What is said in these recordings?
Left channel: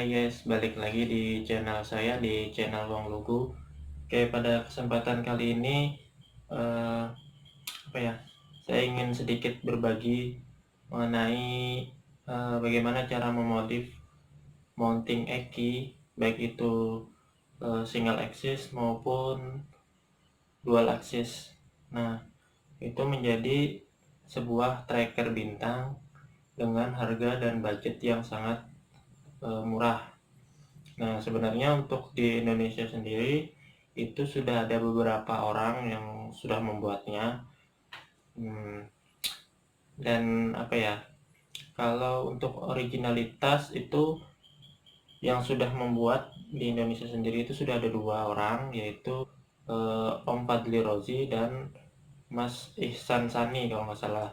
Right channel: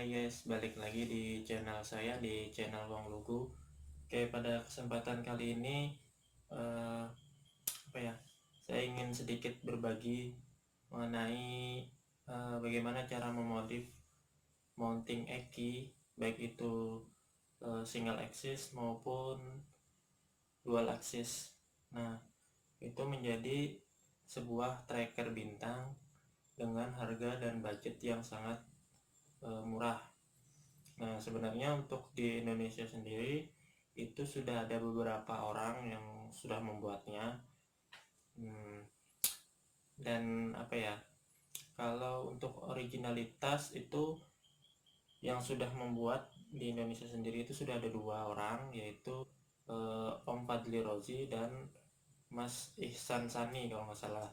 Hai guys, balik lagi di channel saya, di channel Wong Lugu. Oke, pada kesempatan kali ini eh, apa ya? Saya ingin sedikit berbagi mengenai bagaimana cara memodif mounting eki, baik itu single axis maupun dual axis. Nah, itu menjadi sebuah tracker bintang dengan harga dan budget yang sangat murah. Nah, sebenarnya untuk di Indonesia sendiri itu sudah ada beberapa orang yang sudah membuatnya. Hmm, dan apa ya? Kalau untuk originalitas itu yang sudah membuat di Indonesia sendiri itu sudah ada dua orang, yaitu Om Fadli Rozi dan Mas Ihsan Sani kalau nggak salah.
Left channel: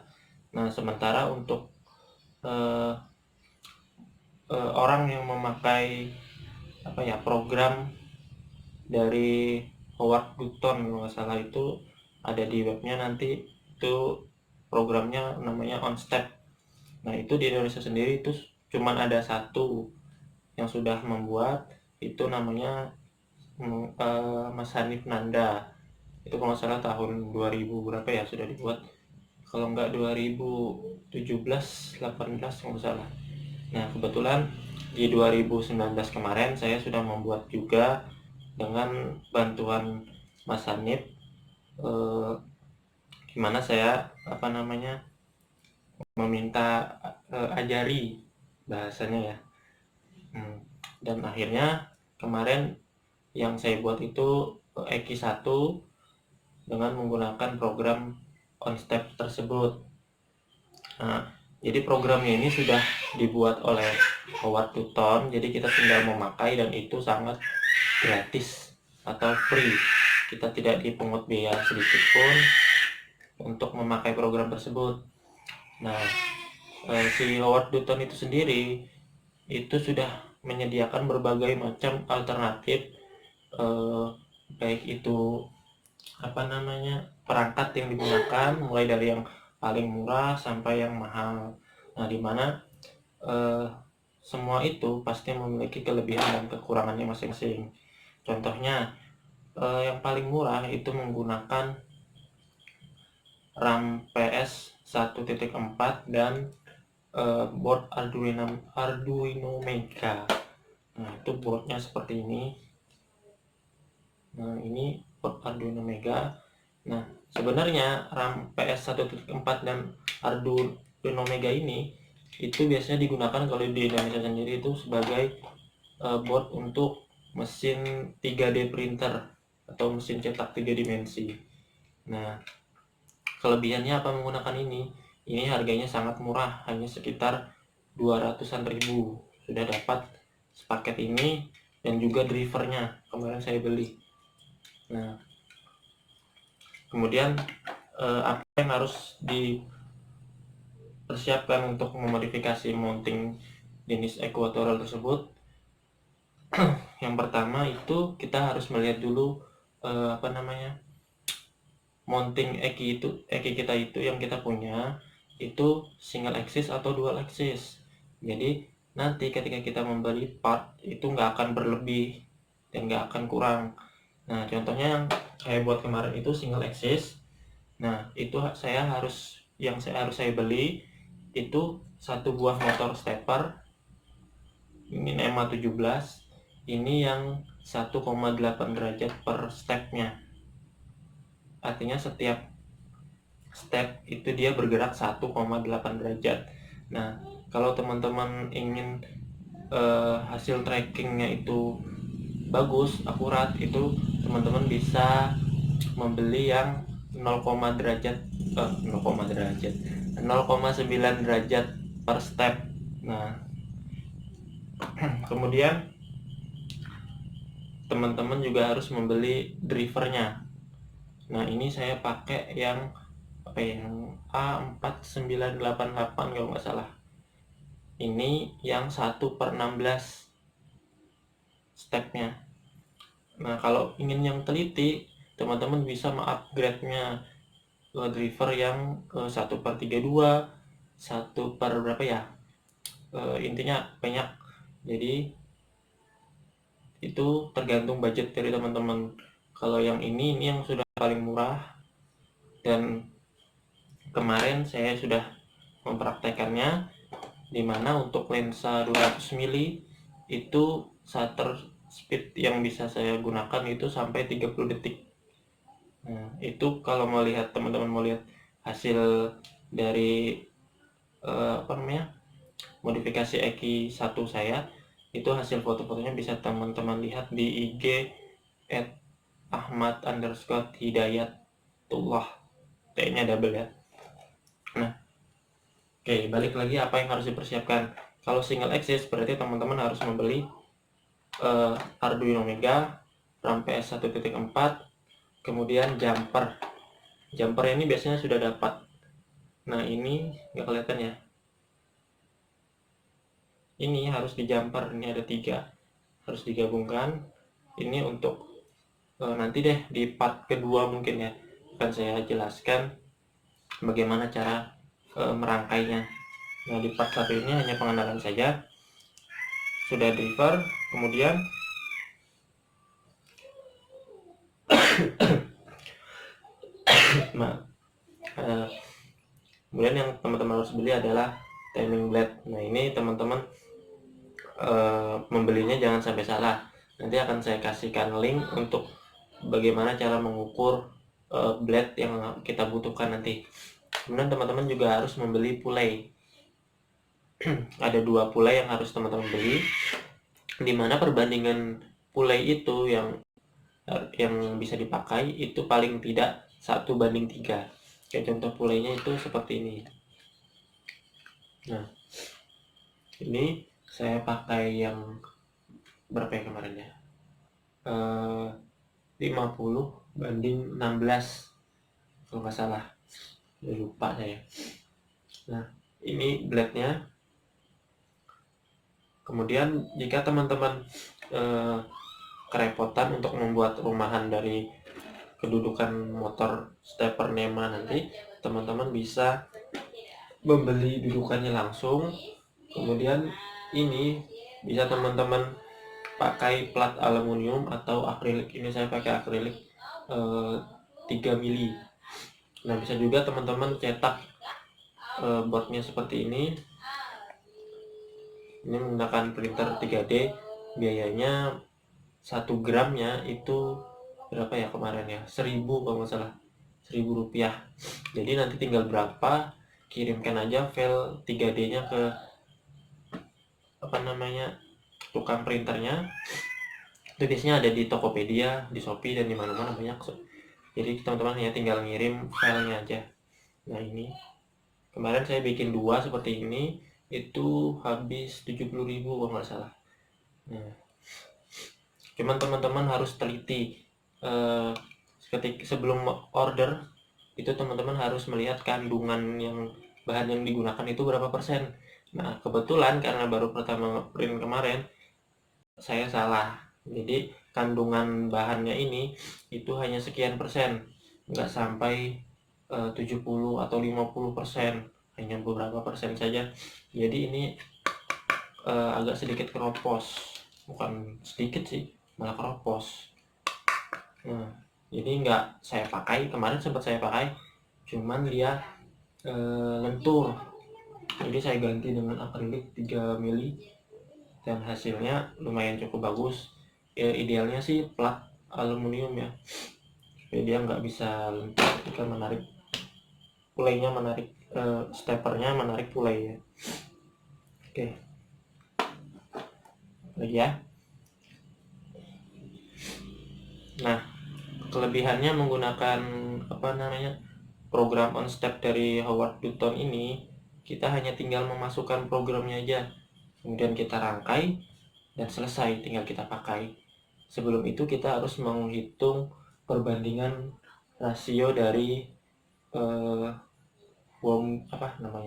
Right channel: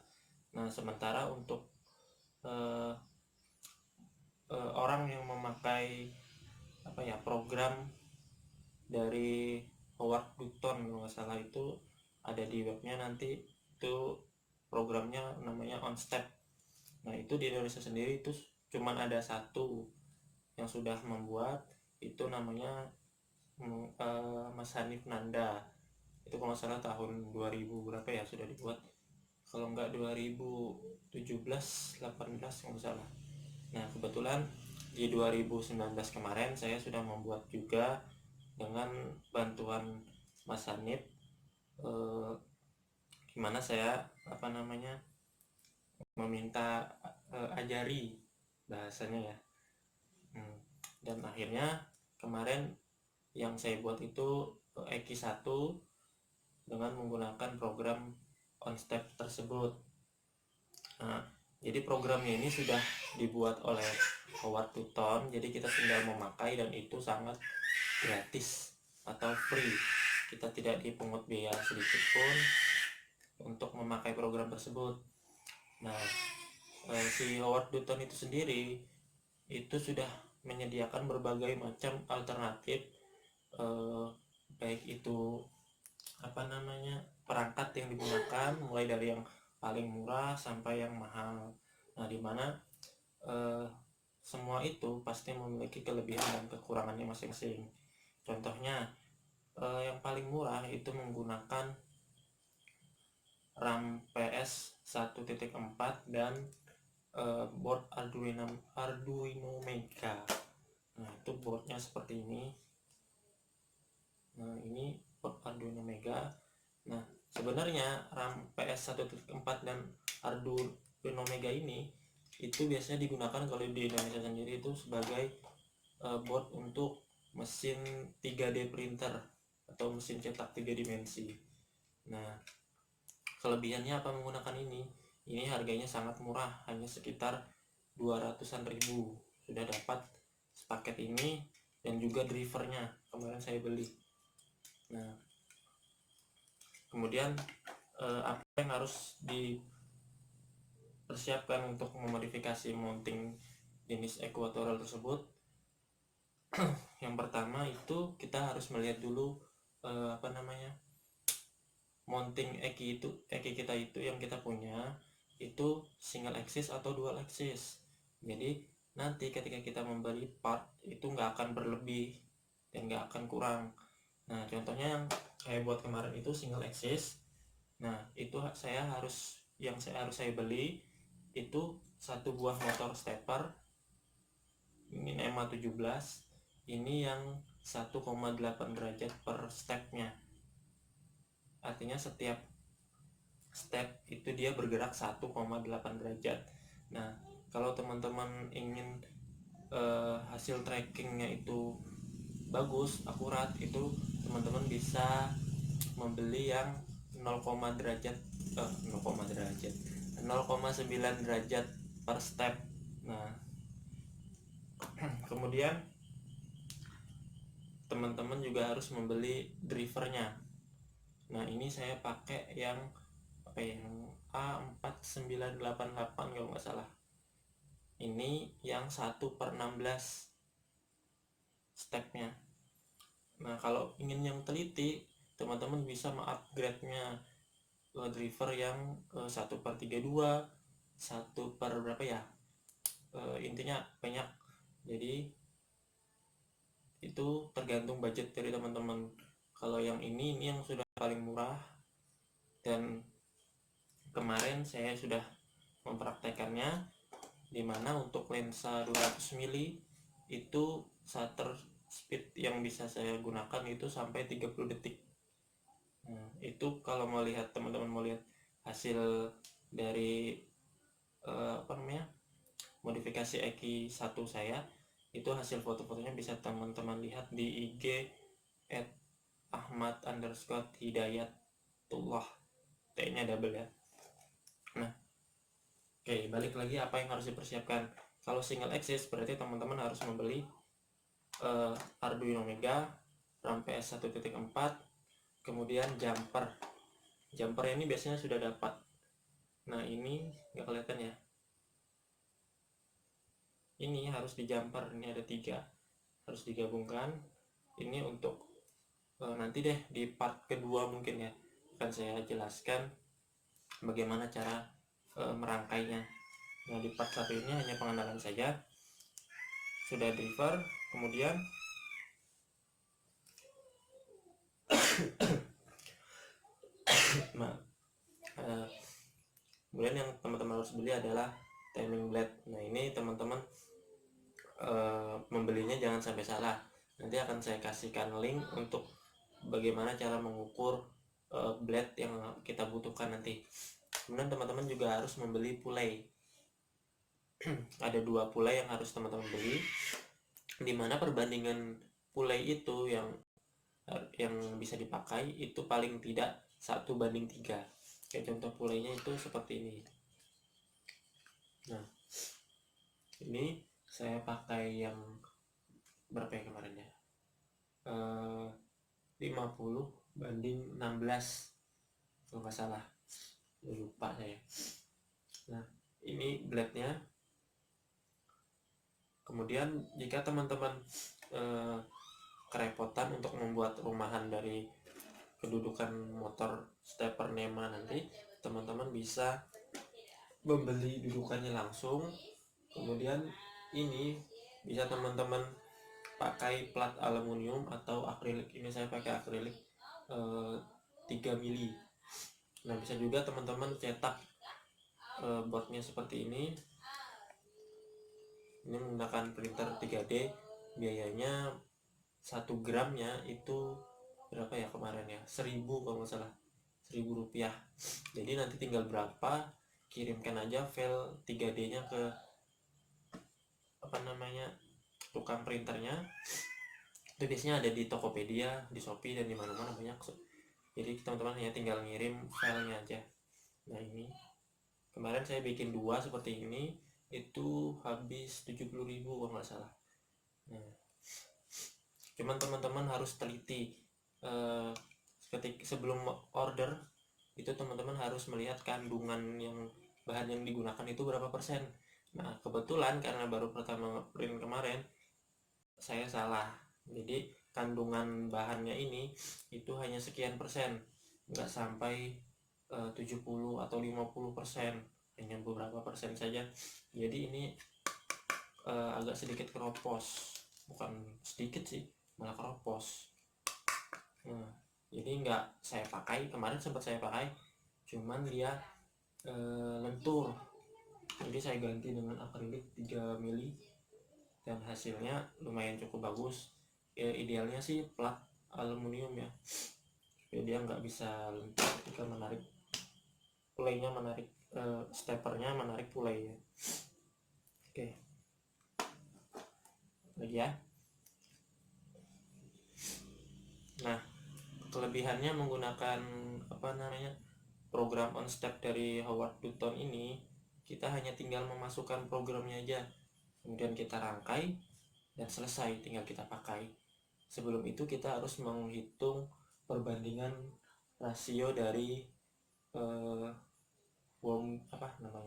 Nah, sementara untuk eh, orang yang memakai apa ya program dari Howard Dutton kalau nggak salah itu ada di webnya, nanti itu programnya namanya OnStep. Nah, itu di Indonesia sendiri itu cuman ada satu yang sudah membuat, itu namanya Mas Hanif Nanda. Itu kalau nggak salah tahun 2000 berapa ya sudah dibuat, kalau nggak 2017 18 kalau nggak salah. Nah, kebetulan di 2019 kemarin saya sudah membuat juga dengan bantuan Mas Hanif, eh, gimana saya apa namanya meminta ajari bahasanya ya. Hmm. Dan akhirnya kemarin yang saya buat itu Eki 1 dengan menggunakan program OnStep tersebut. Nah, jadi programnya ini sudah dibuat oleh Howard Dutton, jadi kita tinggal memakai dan itu sangat gratis atau free. Kita tidak dipungut biaya sedikit pun untuk memakai program tersebut. Nah, si Howard Dutton itu sendiri itu sudah menyediakan berbagai macam alternatif, eh, baik itu apa namanya perangkat yang digunakan, mulai dari yang paling murah sampai yang mahal. Nah, dimana eh, semua itu pasti memiliki kelebihan dan kekurangannya masing-masing. Contohnya, yang paling murah itu menggunakan RAM PS 1.4 dan board Arduino Mega. Nah, itu boardnya seperti ini. Nah, ini board Arduino Mega. Nah, sebenarnya RAM PS 1.4 dan Arduino Mega ini itu biasanya digunakan kalau di Indonesia sendiri itu sebagai board untuk mesin 3D printer atau mesin cetak 3 dimensi. Nah, kelebihannya apa menggunakan ini? Ini harganya sangat murah, hanya sekitar 200-an ribu. Sudah dapat paket ini dan juga drivernya. Kemarin saya beli. Nah, kemudian apa yang harus dipersiapkan untuk memodifikasi mounting jenis equatorial tersebut? Yang pertama itu kita harus melihat dulu apa namanya mounting eki kita itu yang kita punya itu single axis atau dual axis. Jadi nanti ketika kita membeli part itu nggak akan berlebih dan nggak akan kurang. Nah, contohnya yang saya buat kemarin itu single axis. Nah, itu saya beli itu satu buah motor stepper. Ini NEMA 17. Ini yang 1,8 derajat per stepnya. Artinya setiap step itu dia bergerak 1,8 derajat. Nah, kalau teman-teman ingin hasil trackingnya itu bagus, akurat, itu teman-teman bisa membeli yang 0, derajat 0,9 derajat per step. Nah, kemudian teman-teman juga harus membeli drivernya. Nah, ini saya pakai yang apa ya, yang A4988 kalau nggak salah. Ini yang 1/16 stepnya. Nah, kalau ingin yang teliti, teman-teman bisa mengupgrade-nya ke driver yang 1/32, 1 per berapa ya, intinya banyak. Jadi itu tergantung budget dari teman-teman. Kalau yang ini yang sudah paling murah, dan kemarin saya sudah mempraktekannya, dimana untuk lensa 200 mili itu shutter speed yang bisa saya gunakan itu sampai 30 detik. Nah, itu kalau mau lihat, teman-teman mau lihat hasil dari modifikasi EQ1 saya, itu hasil foto-fotonya bisa teman-teman lihat di IG @ahmad_hidayatullah, T-nya double ya. Nah, oke, balik lagi apa yang harus dipersiapkan. Kalau single axis berarti teman-teman harus membeli Arduino Mega, RAM PS 1.4, kemudian jumper. Jumper ini biasanya sudah dapat. Nah, ini nggak kelihatan ya. Ini harus di jumper, ini ada 3, harus digabungkan. Ini untuk nanti deh di part kedua mungkin ya akan saya jelaskan bagaimana cara merangkainya. Nah, di part 1 ini hanya pengenalan saja. Sudah driver, kemudian kemudian yang teman-teman harus beli adalah timing blade. Nah, ini teman-teman membelinya jangan sampai salah. Nanti akan saya kasihkan link untuk bagaimana cara mengukur blade yang kita butuhkan nanti. Kemudian teman-teman juga harus membeli pulai. Ada 2 pulai yang harus teman-teman beli, dimana perbandingan pulai itu yang bisa dipakai itu paling tidak 1:3. Kayak contoh pulainya itu seperti ini. Nah, ini saya pakai yang berapa ya kemarin ya, 50:16 kalau nggak salah, lupa saya. Nah, ini blade-nya. Kemudian jika teman-teman kerepotan untuk membuat rumahan dari kedudukan motor stepper NEMA nanti, teman-teman bisa membeli dudukannya langsung. Kemudian ini bisa teman-teman pakai plat aluminium atau akrilik. Ini saya pakai akrilik 3 mili. Nah, bisa juga teman-teman cetak boardnya seperti ini. Ini menggunakan printer 3D. Biayanya 1 gramnya itu berapa ya kemarin ya, 1000 kalau nggak salah, 1000 rupiah. Jadi nanti tinggal berapa, kirimkan aja file 3D nya ke tukang printernya. Itu biasanya ada di Tokopedia, di Shopee, dan di mana-mana banyak. Jadi teman-teman hanya tinggal ngirim filenya aja. Nah, ini kemarin saya bikin 2 seperti ini, itu habis 70.000 kalau nggak salah. Nah, cuman teman-teman harus teliti ketika sebelum order itu, teman-teman harus melihat kandungan yang bahan yang digunakan itu berapa persen. Nah, kebetulan karena baru pertama print kemarin, saya salah. Jadi kandungan bahannya ini itu hanya sekian persen, nggak sampai 70 atau 50%, hanya beberapa persen saja. Jadi ini agak sedikit keropos, bukan sedikit sih, malah keropos. Nah, jadi nggak saya pakai, kemarin sempat saya pakai, cuman dia lentur. Jadi saya ganti dengan akrilik 3 mili dan hasilnya lumayan cukup bagus. Idealnya sih plat aluminium ya, supaya dia nggak bisa lentur ketika menarik pulainya, menarik steppernya, menarik pulai ya. Oke, lagi ya. Nah, kelebihannya menggunakan program on step dari Howard Dutton ini, kita hanya tinggal memasukkan programnya aja, kemudian kita rangkai dan selesai, tinggal kita pakai. Sebelum itu kita harus menghitung perbandingan rasio dari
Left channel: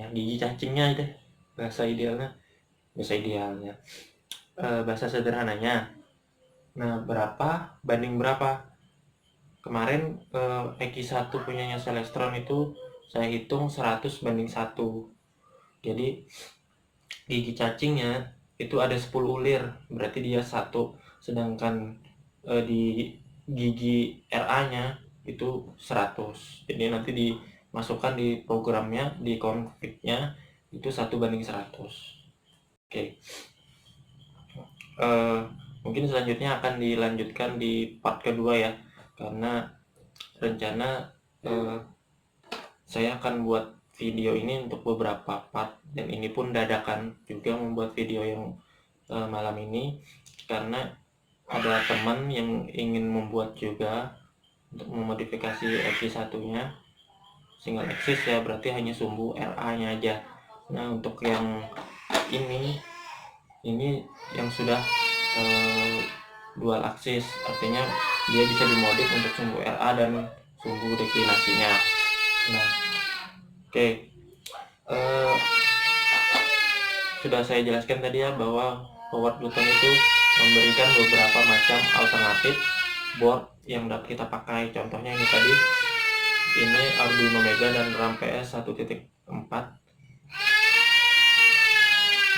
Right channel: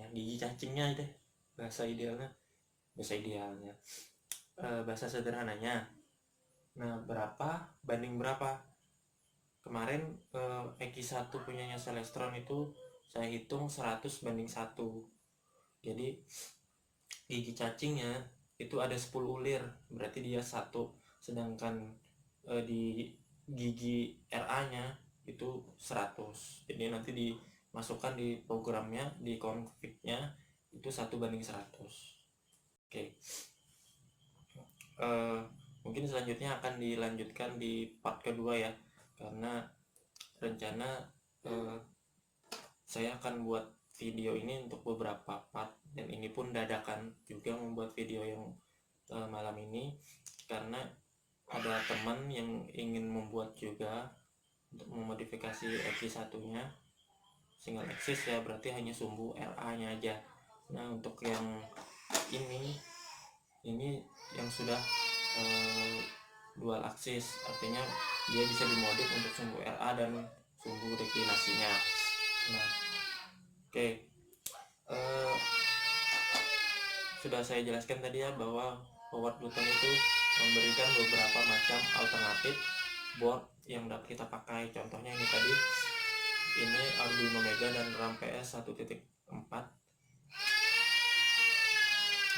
gigi cacingnya itu, bahasa sederhananya. Nah, berapa banding berapa. Kemarin EQ1 punyanya Celestron itu saya hitung 100:1. Jadi gigi cacingnya itu ada 10 ulir, berarti dia 1 sedangkan di gigi RA nya itu 100. Jadi nanti dimasukkan di programnya, di config-nya itu 1:100. Oke. Mungkin selanjutnya akan dilanjutkan di part kedua ya, karena rencana saya akan buat video ini untuk beberapa part, dan ini pun dadakan juga membuat video yang malam ini, karena ada teman yang ingin membuat juga untuk memodifikasi XC1 nya single axis ya, berarti hanya sumbu RA nya aja. Nah untuk yang ini yang sudah dual axis, artinya dia bisa dimodif untuk sumbu RA dan sumbu deklinasinya. Nah oke, sudah saya jelaskan tadi ya, bahwa Howard Button itu memberikan beberapa macam alternatif board yang dapat kita pakai. Contohnya ini tadi, ini Arduino Mega dan RAM PS 1.4.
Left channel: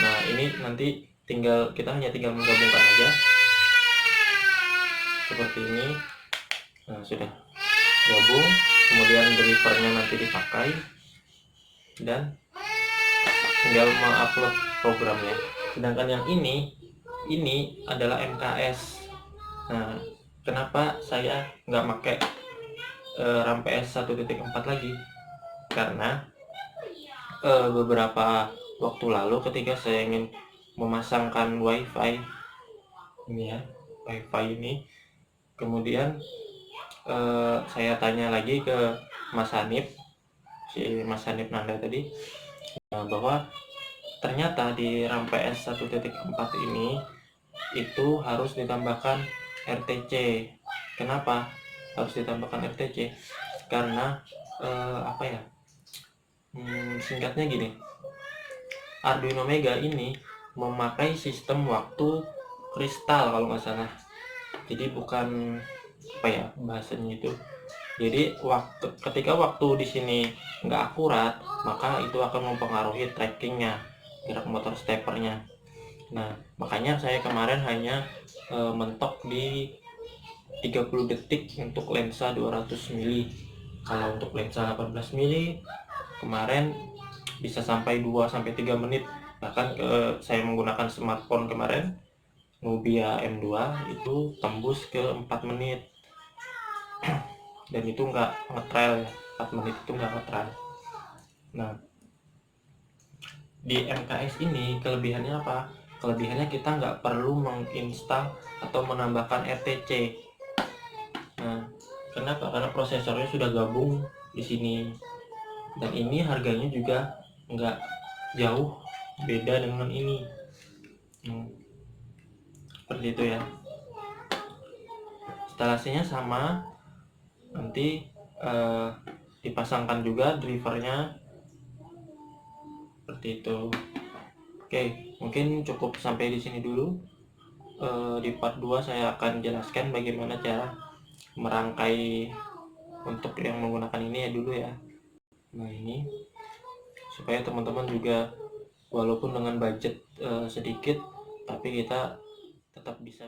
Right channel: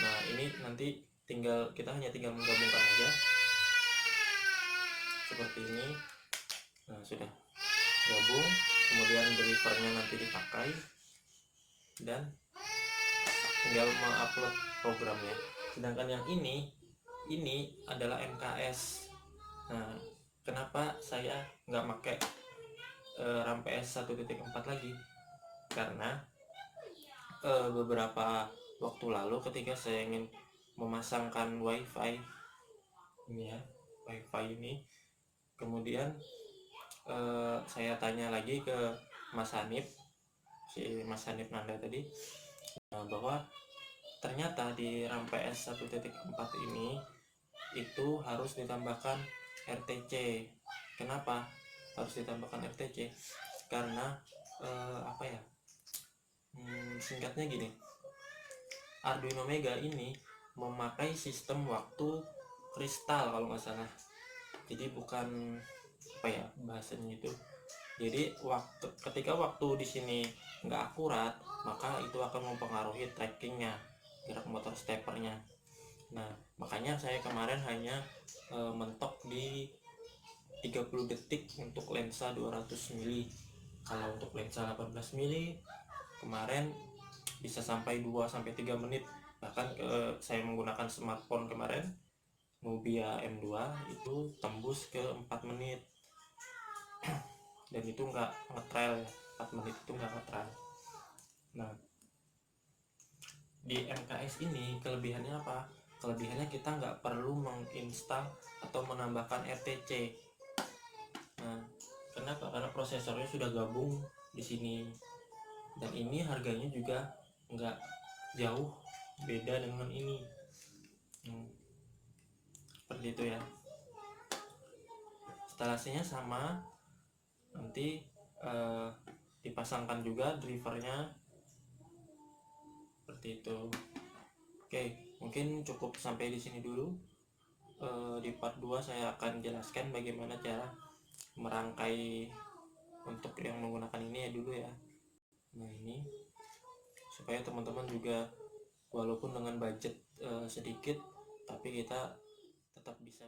Nah ini nanti kita hanya tinggal menggabungkan aja seperti ini. Nah sudah gabung, kemudian drivernya nanti dipakai dan tinggal mengupload programnya. Sedangkan yang ini adalah MKS. Nah kenapa saya nggak pakai RAM PS 1.4 lagi? Karena beberapa waktu lalu ketika saya ingin memasangkan WiFi ini ya, WiFi ini, kemudian saya tanya lagi ke Mas Hanif, si Mas Hanif Nanda tadi, bahwa ternyata di RAM PS 1.4 ini itu harus ditambahkan RTC. Kenapa harus ditambahkan RTC? Karena apa ya, singkatnya gini, Arduino Mega ini memakai sistem waktu kristal kalau nggak salah. Jadi bukan apa ya bahasanya itu. Jadi ketika waktu di sini nggak akurat, maka itu akan mempengaruhi trackingnya, gerak motor steppernya. Nah makanya saya kemarin hanya mentok di 30 detik untuk lensa 200 mili. Kalau untuk lensa 18 mili kemarin bisa sampai 2-3 menit. Bahkan saya menggunakan smartphone kemarin, Nubia M2, itu tembus ke 4 menit. Dan itu nggak ngetrail ya, 4 menit itu nggak ngetrail. Nah di MKS ini kelebihannya apa? Kelebihannya kita nggak perlu menginstal atau menambahkan RTC. Nah kenapa? Karena prosesornya sudah gabung di sini, dan ini harganya juga nggak jauh beda dengan ini. Seperti itu ya. Instalasinya sama, nanti dipasangkan juga drivernya seperti itu. Oke, mungkin cukup sampai di sini dulu. Di part 2 saya akan jelaskan bagaimana cara merangkai untuk yang menggunakan ini ya dulu ya. Nah ini supaya teman-teman juga walaupun dengan budget sedikit, tapi kita tetap bisa